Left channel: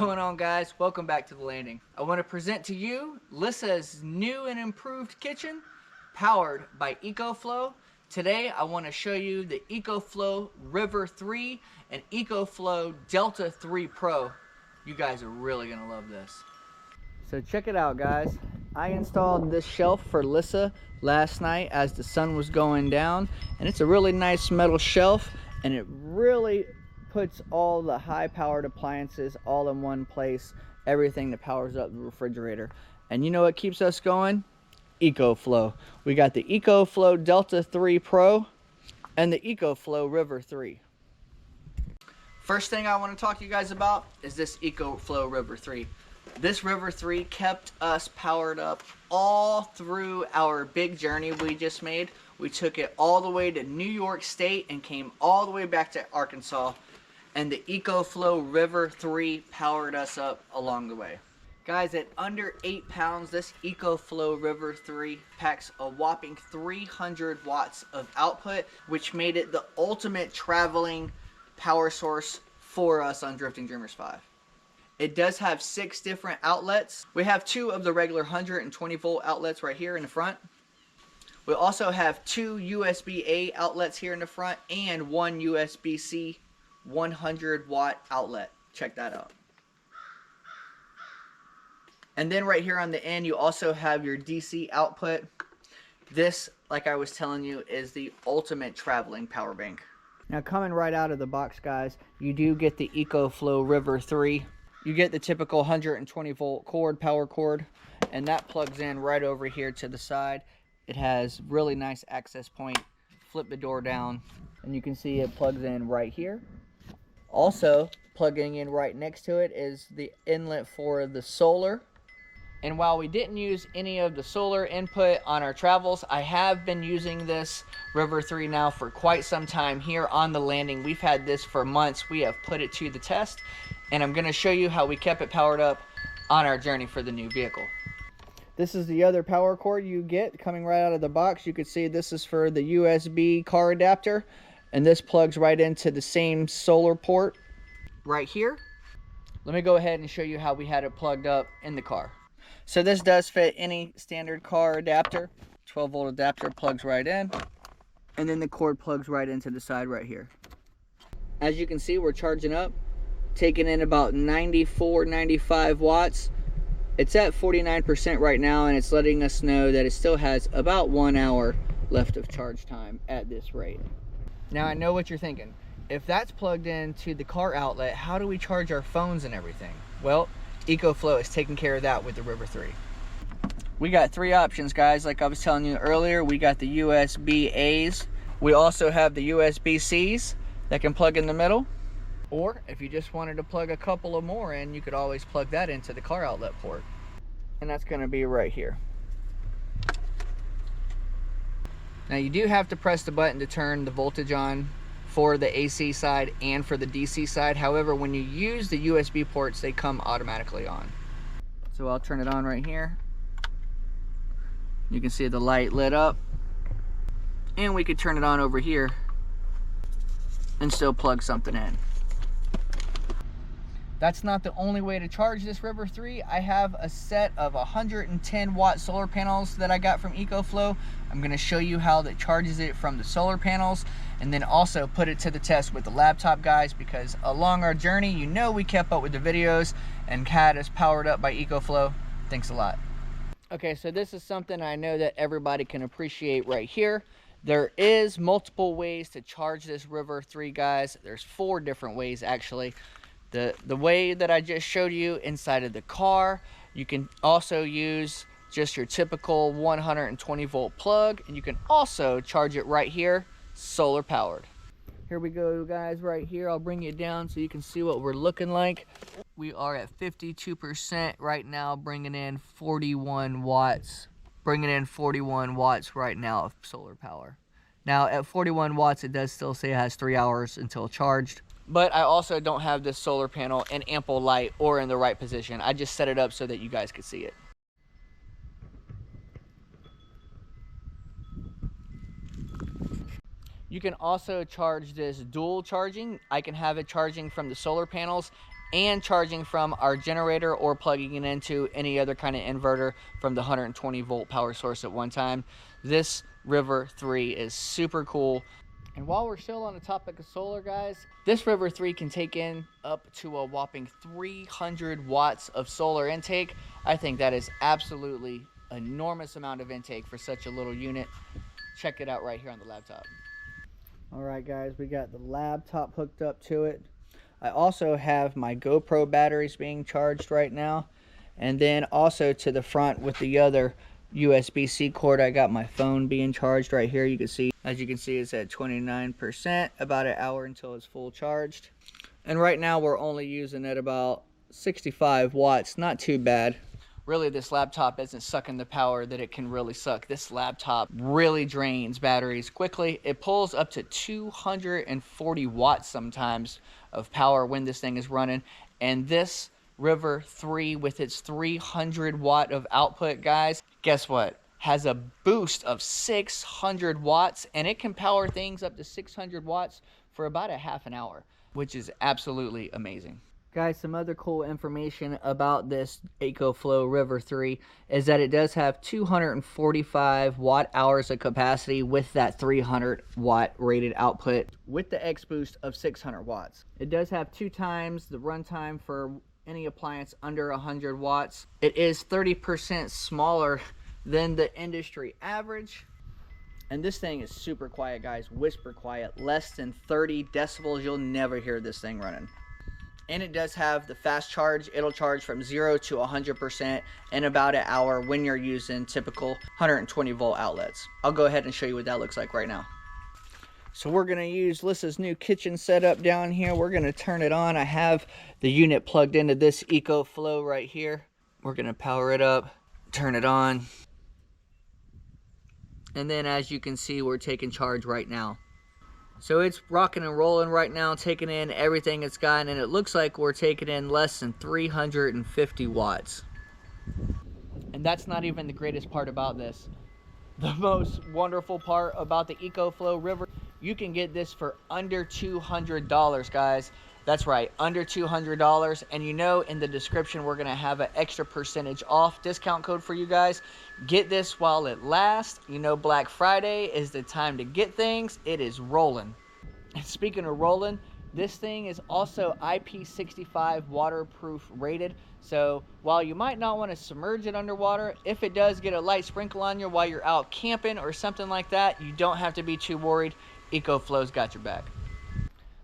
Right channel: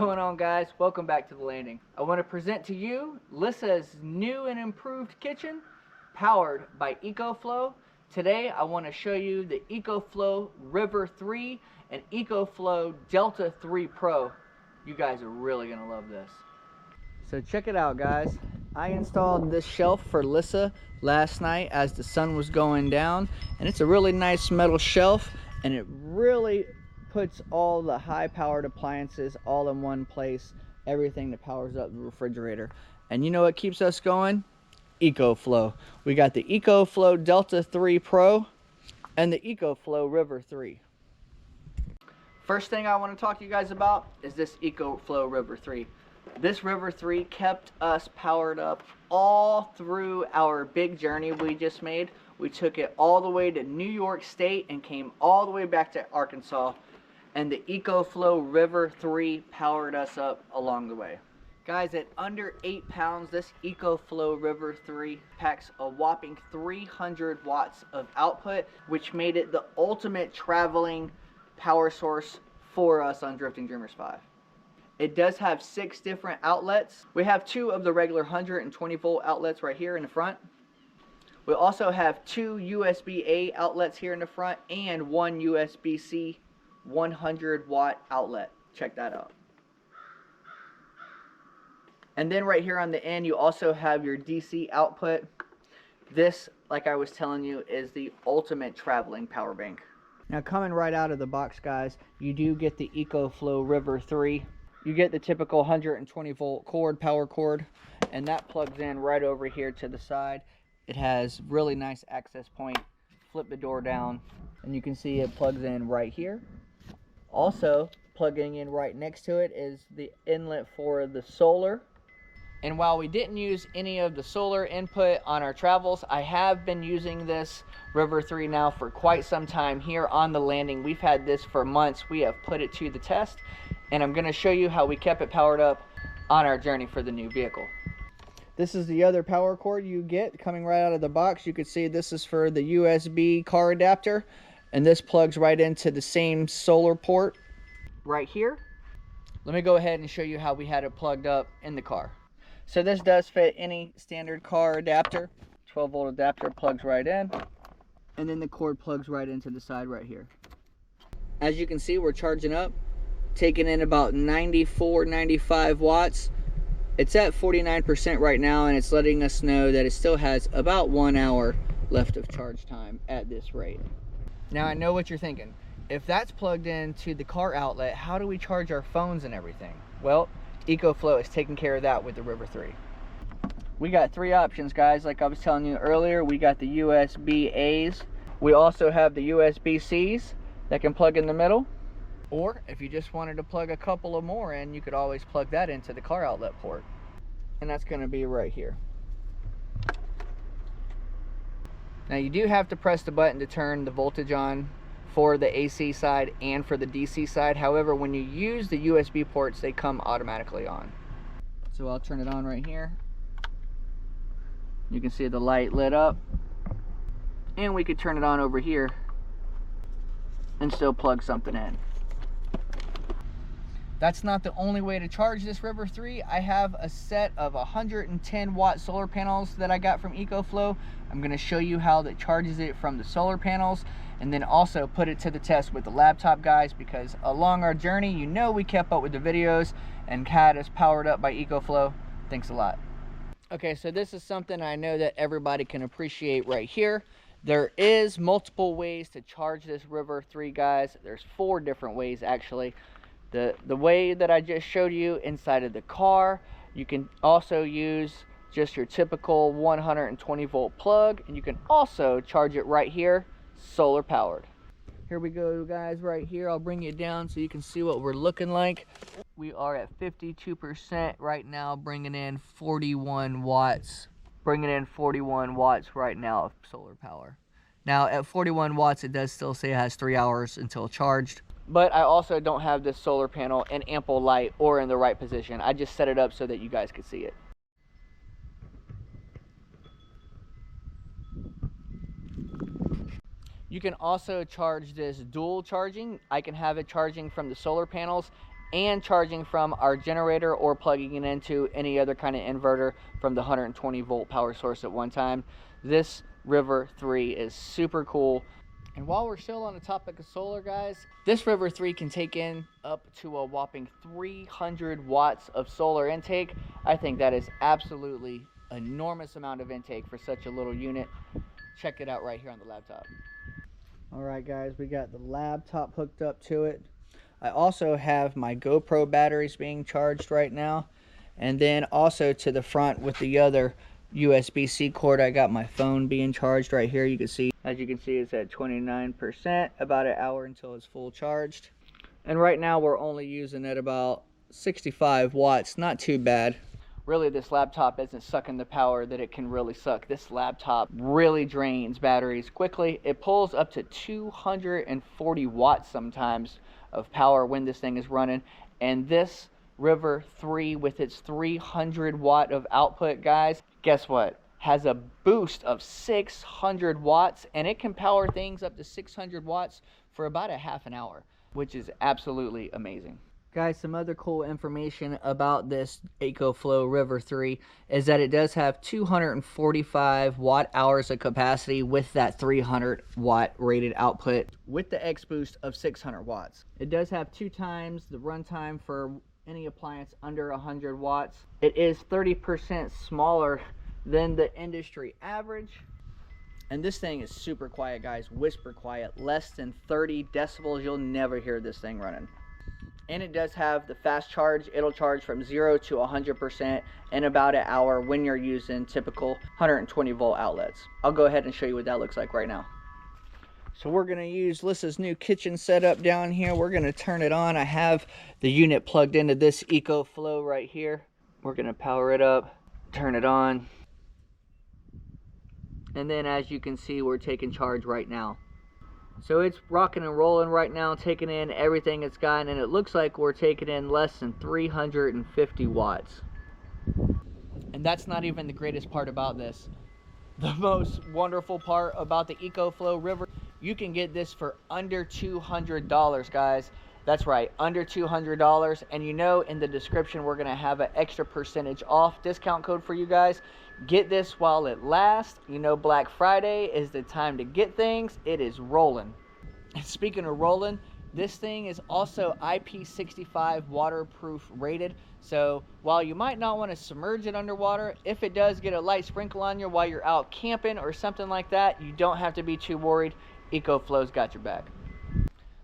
going on, guys? Welcome back to the landing. I want to present to you Lyssa's new and improved kitchen powered by EcoFlow. Today I want to show you the EcoFlow River 3 and EcoFlow Delta 3 Pro. You guys are really going to love this. So check it out, guys. I installed this shelf for Lyssa last night as the sun was going down, and it's a really nice metal shelf, and it really puts all the high-powered appliances all in one place, everything that powers up the refrigerator. And you know what keeps us going? EcoFlow. We got the EcoFlow Delta 3 Pro and the EcoFlow River 3. First thing I want to talk to you guys about is this EcoFlow River 3. This River 3 kept us powered up all through our big journey we just made. We took it all the way to New York State and came all the way back to Arkansas. And the EcoFlow River 3 powered us up along the way. Guys, at under 8 pounds, this EcoFlow River 3 packs a whopping 300 watts of output, which made it the ultimate traveling power source for us on Drifting Dreamers 5. It does have 6 different outlets. We have 2 of the regular 120 volt outlets right here in the front. We also have 2 USB-A outlets here in the front and 1 USB-C 100 watt outlet. Check that out. And then right here on the end you also have your DC output. This, like I was telling you, is the ultimate traveling power bank. Now, coming right out of the box, guys, you do get the EcoFlow River 3. You get the typical 120 volt cord, power cord, and that plugs in right over here to the side. It has really nice access point. Flip the door down and you can see it plugs in right here. Also, plugging in right next to it is the inlet for the solar. And while we didn't use any of the solar input on our travels, I have been using this River 3 now for quite some time here on the landing. We've had this for months. We have put it to the test, and I'm going to show you how we kept it powered up on our journey for the new vehicle. This is the other power cord you get coming right out of the box. You can see this is for the USB car adapter, and this plugs right into the same solar port right here. Let me go ahead and show you how we had it plugged up in the car. So this does fit any standard car adapter. 12 volt adapter plugs right in, and then the cord plugs right into the side right here. As you can see, we're charging up, taking in about 94-95 watts. It's at 49% right now, and it's letting us know that it still has about 1 hour left of charge time at this rate. Now, I know what you're thinking. If that's plugged into the car outlet, how do we charge our phones and everything? Well, EcoFlow is taking care of that with the River 3. We got 3 options, guys. Like I was telling you earlier, we got the USB-A's. We also have the USB-C's that can plug in the middle. Or if you just wanted to plug a couple of more in, you could always plug that into the car outlet port. And that's going to be right here. Now, you do have to press the button to turn the voltage on for the AC side and for the DC side. However, when you use the USB ports, they come automatically on. So I'll turn it on right here. You can see the light lit up. And we could turn it on over here and still plug something in. That's not the only way to charge this River 3. I have a set of 110 watt solar panels that I got from EcoFlow. I'm going to show you how that charges it from the solar panels, and then also put it to the test with the laptop, guys, because along our journey, you know, we kept up with the videos and had us powered up by EcoFlow. Thanks a lot. Okay, so this is something I know that everybody can appreciate right here. There is multiple ways to charge this River 3, guys. There's 4 different ways, actually. The way that I just showed you inside of the car, you can also use just your typical 120 volt plug, and you can also charge it right here, solar powered. Here we go, guys, right here. I'll bring you down so you can see what we're looking like. We are at 52% right now, bringing in 41 watts. Bringing in 41 watts right now of solar power. Now, at 41 watts, it does still say it has 3 hours until charged. But I also don't have this solar panel in ample light or in the right position. I just set it up so that you guys could see it. You can also charge this dual charging. I can have it charging from the solar panels and charging from our generator or plugging it into any other kind of inverter from the 120 volt power source at one time. This River 3 is super cool. And while we're still on the topic of solar, guys, this River 3 can take in up to a whopping 300 watts of solar intake. I think that is absolutely enormous amount of intake for such a little unit. Check it out right here on the laptop. All right, guys, we got the laptop hooked up to it. I also have my GoPro batteries being charged right now. And then also to the front with the other USB-C cord, I got my phone being charged right here. You can see, as you can see, it's at 29%, about an hour until it's full charged. And right now we're only using at about 65 watts, not too bad. Really, this laptop isn't sucking the power that it can really suck. This laptop really drains batteries quickly. It pulls up to 240 watts sometimes of power when this thing is running. And this River 3 with its 300 watt of output, guys, guess what? Has a boost of 600 watts, and it can power things up to 600 watts for about a half an hour, which is absolutely amazing. Guys, some other cool information about this EcoFlow River 3 is that it does have 245 watt hours of capacity with that 300 watt rated output with the X boost of 600 watts. It does have 2 times the runtime for any appliance under 100 watts. It is 30% smaller than the industry average. And this thing is super quiet, guys. Whisper quiet. Less than 30 decibels. You'll never hear this thing running. And it does have the fast charge. It'll charge from 0 to 100% in about an hour when you're using typical 120 volt outlets. I'll go ahead and show you what that looks like right now. So we're going to use Lyssa's new kitchen setup down here. We're going to turn it on. I have the unit plugged into this EcoFlow right here. We're going to power it up, turn it on. And then as you can see, we're taking charge right now. So it's rocking and rolling right now, taking in everything it's got, and it looks like we're taking in less than 350 watts. And that's not even the greatest part about this. The most wonderful part about the EcoFlow River, you can get this for under $200, guys. That's right, under $200. And you know, in the description, we're gonna have an extra percentage off discount code for you guys. Get this while it lasts. You know, Black Friday is the time to get things. It is rolling. And speaking of rolling, this thing is also IP65 waterproof rated. So while you might not want to submerge it underwater, if it does get a light sprinkle on you while you're out camping or something like that, you don't have to be too worried. EcoFlow's got your back.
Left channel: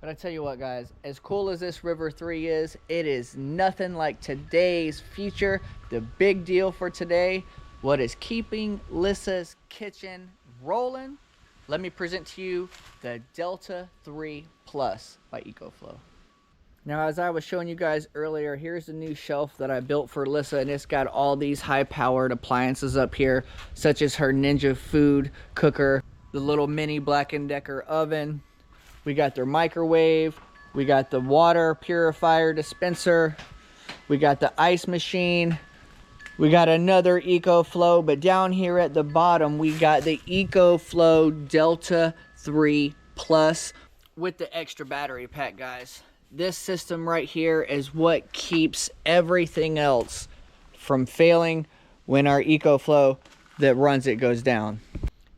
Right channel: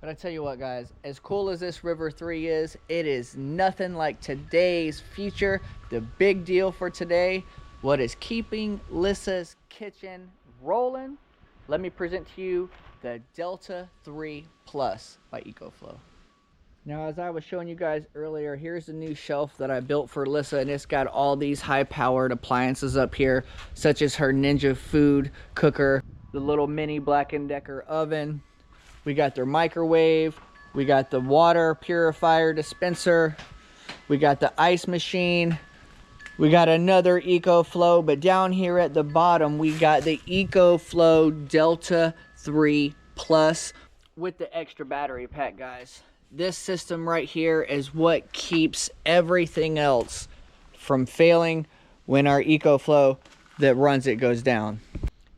But I tell you what, guys, as cool as this River 3 is, it is nothing like today's feature. The big deal for today, what is keeping Lyssa's kitchen rolling? Let me present to you the Delta 3 Plus by EcoFlow. Now, as I was showing you guys earlier, here's the new shelf that I built for Lyssa, and it's got all these high-powered appliances up here, such as her Ninja food cooker, the little mini Black & Decker oven. We got their microwave, we got the water purifier dispenser, we got the ice machine, we got another EcoFlow, but down here at the bottom, we got the EcoFlow Delta 3 Plus with the extra battery pack, guys. This system right here is what keeps everything else from failing when our EcoFlow that runs it goes down.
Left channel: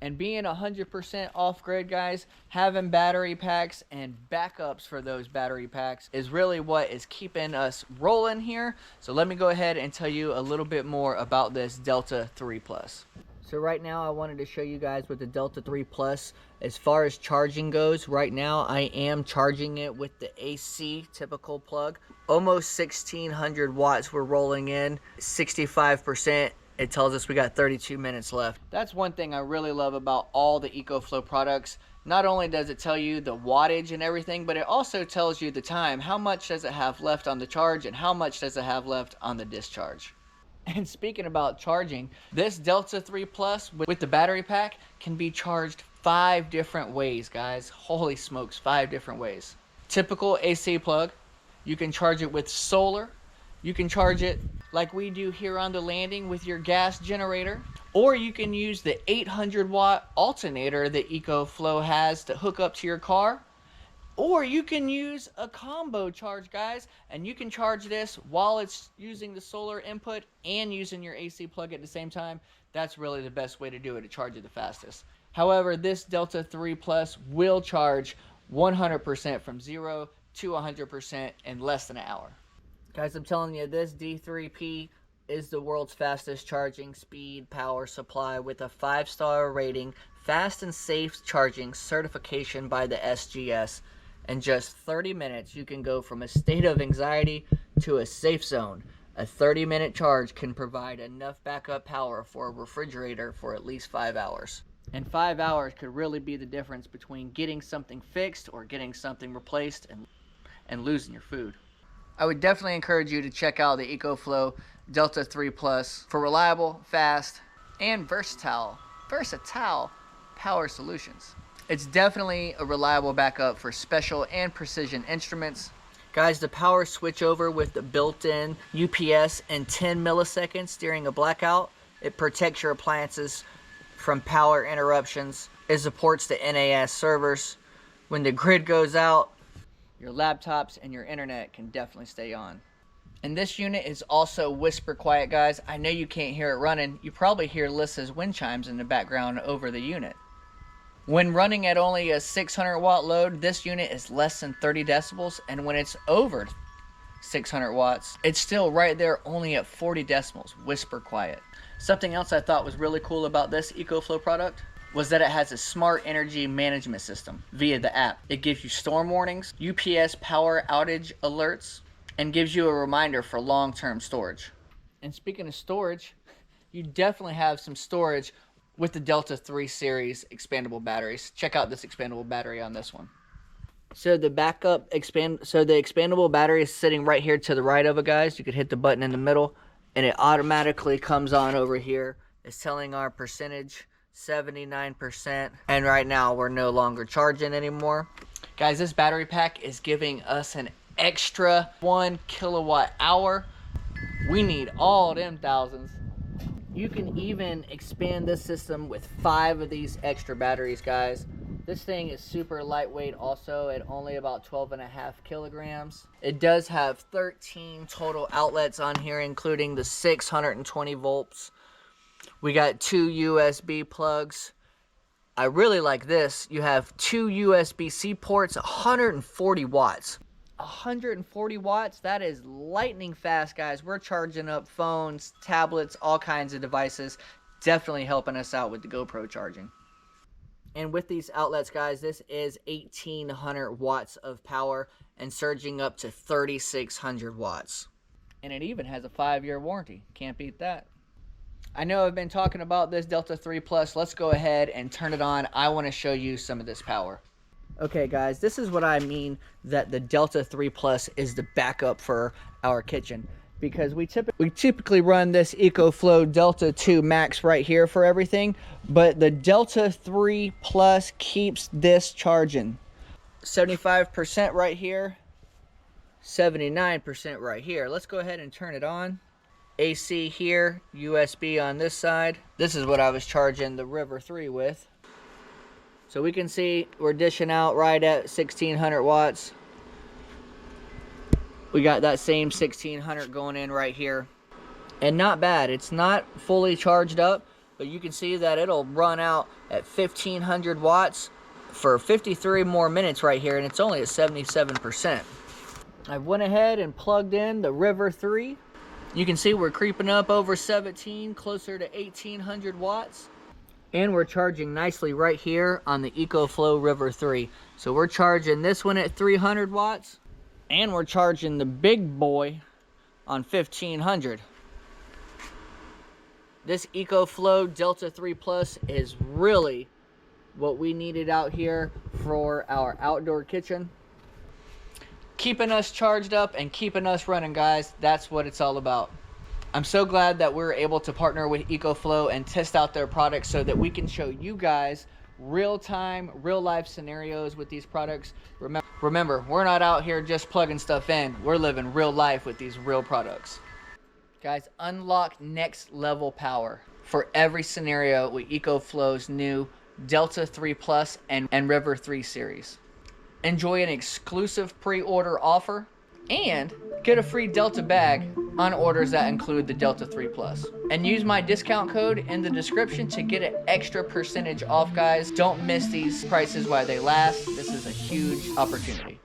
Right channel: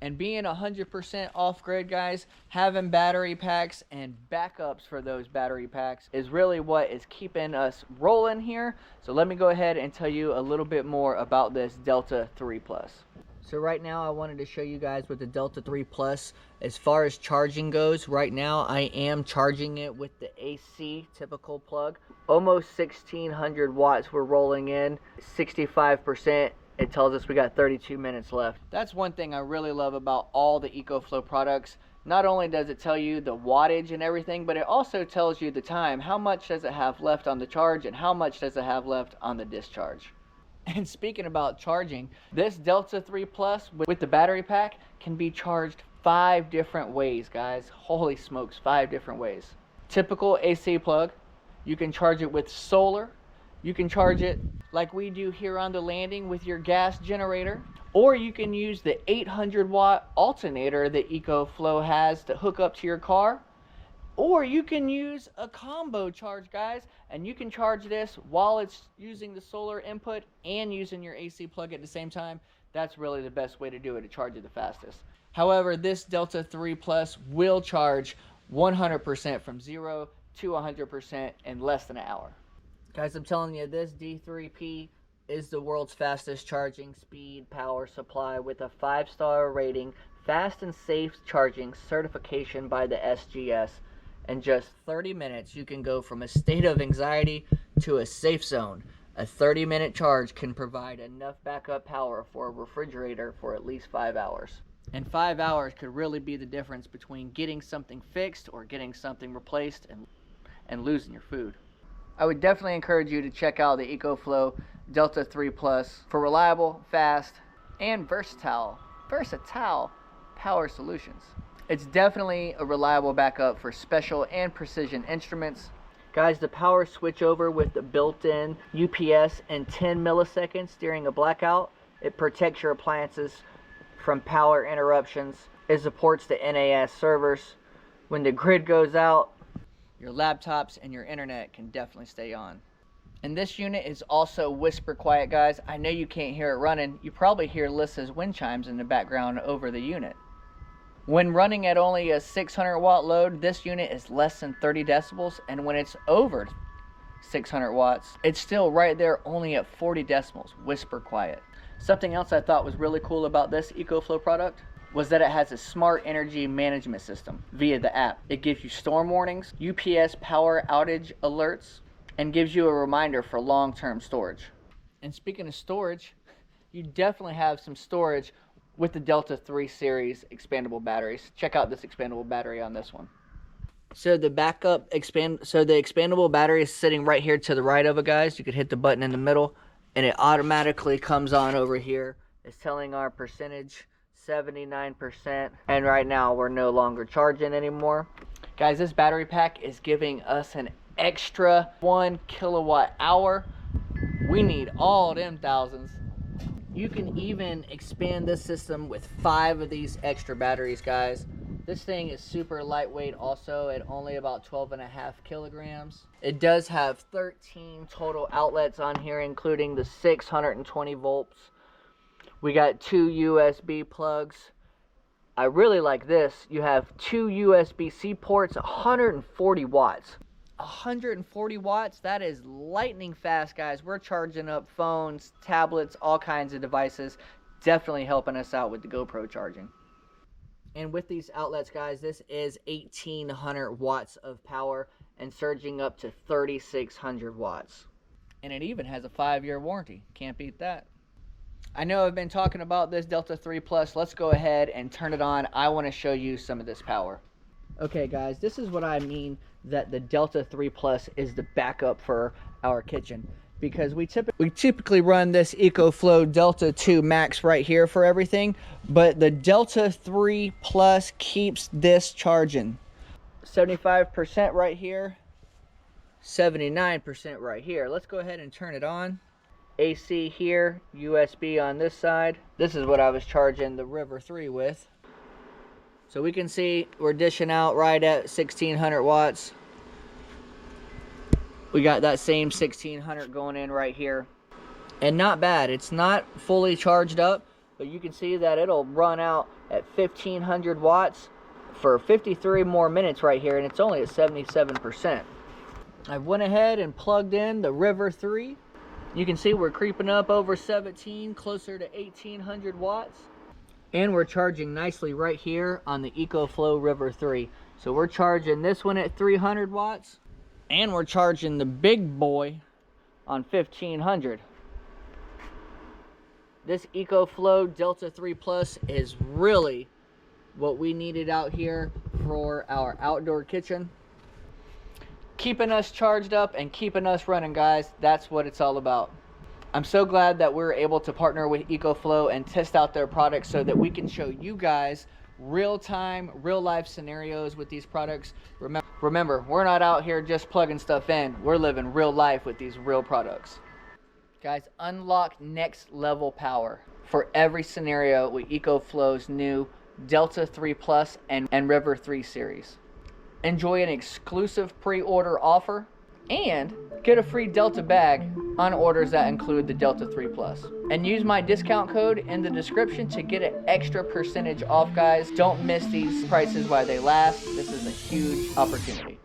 And being 100% off-grid, guys, having battery packs and backups for those battery packs is really what is keeping us rolling here. So let me go ahead and tell you a little bit more about this Delta 3 Plus. So right now I wanted to show you guys with the Delta 3 Plus, as far as charging goes, right now I am charging it with the AC typical plug. Almost 1600 watts we're rolling in, 65%. It tells us we got 32 minutes left. That's one thing I really love about all the EcoFlow products. Not only does it tell you the wattage and everything, but it also tells you the time. How much does it have left on the charge and how much does it have left on the discharge? And speaking about charging, this Delta 3 Plus with the battery pack can be charged 5 different ways, guys. Holy smokes, 5 different ways. Typical AC plug. You can charge it with solar. You can charge it like we do here on the landing with your gas generator, or you can use the 800 watt alternator that EcoFlow has to hook up to your car. Or you can use a combo charge, guys, and you can charge this while it's using the solar input and using your AC plug at the same time. That's really the best way to do it, to charge it the fastest. However, this Delta 3 Plus will charge 100% from 0 to 100% in less than an hour. Guys, I'm telling you, this D3P is the world's fastest charging speed power supply with a 5-star rating, fast and safe charging certification by the SGS. In just 30 minutes, you can go from a state of anxiety to a safe zone. A 30-minute charge can provide enough backup power for a refrigerator for at least 5 hours. And 5 hours could really be the difference between getting something fixed or getting something replaced and losing your food. I would definitely encourage you to check out the EcoFlow Delta 3 Plus for reliable, fast, and versatile power solutions. It's definitely a reliable backup for special and precision instruments. Guys, the power switchover with the built-in UPS in 10 milliseconds during a blackout. It protects your appliances from power interruptions. It supports the NAS servers. When the grid goes out, your laptops and your internet can definitely stay on. And this unit is also whisper quiet, guys. I know you can't hear it running. You probably hear Lyssa's wind chimes in the background over the unit. When running at only a 600 watt load, this unit is less than 30 decibels, and when it's over 600 watts, it's still right there only at 40 decibels, whisper quiet. Something else I thought was really cool about this EcoFlow product was that it has a smart energy management system via the app. It gives you storm warnings, UPS power outage alerts, and gives you a reminder for long-term storage. And speaking of storage, you definitely have some storage with the Delta 3 series expandable batteries. Check out this expandable battery on this one. So the expandable battery is sitting right here to the right of it, guys. You could hit the button in the middle and it automatically comes on over here. It's telling our percentage, 79%, and right now we're no longer charging anymore. Guys, this battery pack is giving us an extra 1 kilowatt hour. We need all them thousands. You can even expand this system with 5 of these extra batteries, guys. This thing is super lightweight also at only about 12.5 kilograms. It does have 13 total outlets on here, including the 620 volts. We got 2 USB plugs. I really like this. You have 2 USB-C ports, 140 watts. 140 watts, that is lightning fast, guys. We're charging up phones, tablets, all kinds of devices. Definitely helping us out with the GoPro charging. And with these outlets, guys, this is 1800 watts of power and surging up to 3600 watts. And it even has a 5-year warranty. Can't beat that. I know I've been talking about this Delta 3 Plus. Let's go ahead and turn it on. I want to show you some of this power. Okay, guys, this is what I mean that the Delta 3 Plus is the backup for our kitchen, because we typically run this EcoFlow Delta 2 Max right here for everything, but the Delta 3 Plus keeps this charging. 75% right here, 79% right here. Let's go ahead and turn it on. AC here, USB on this side. This is what I was charging the River 3 with. So we can see we're dishing out right at 1600 watts. We got that same 1600 going in right here. And not bad. It's not fully charged up, but you can see that it'll run out at 1500 watts for 53 more minutes right here, and it's only at 77%. I went ahead and plugged in the River 3. You can see we're creeping up over 17, closer to 1800 watts. And we're charging nicely right here on the EcoFlow River 3. So we're charging this one at 300 watts. And we're charging the big boy on 1500. This EcoFlow Delta 3 Plus is really what we needed out here for our outdoor kitchen. Keeping us charged up and keeping us running, guys. That's what it's all about. I'm so glad that we're able to partner with EcoFlow and test out their products so that we can show you guys real-time, real-life scenarios with these products. Remember, we're not out here just plugging stuff in. We're living real life with these real products. Guys, unlock next-level power for every scenario with EcoFlow's new Delta 3 Plus and River 3 series. enjoy an exclusive pre-order offer, and get a free Delta bag on orders that include the Delta 3 Plus. And use my discount code in the description to get an extra percentage off, guys. Don't miss these prices while they last. This is a huge opportunity.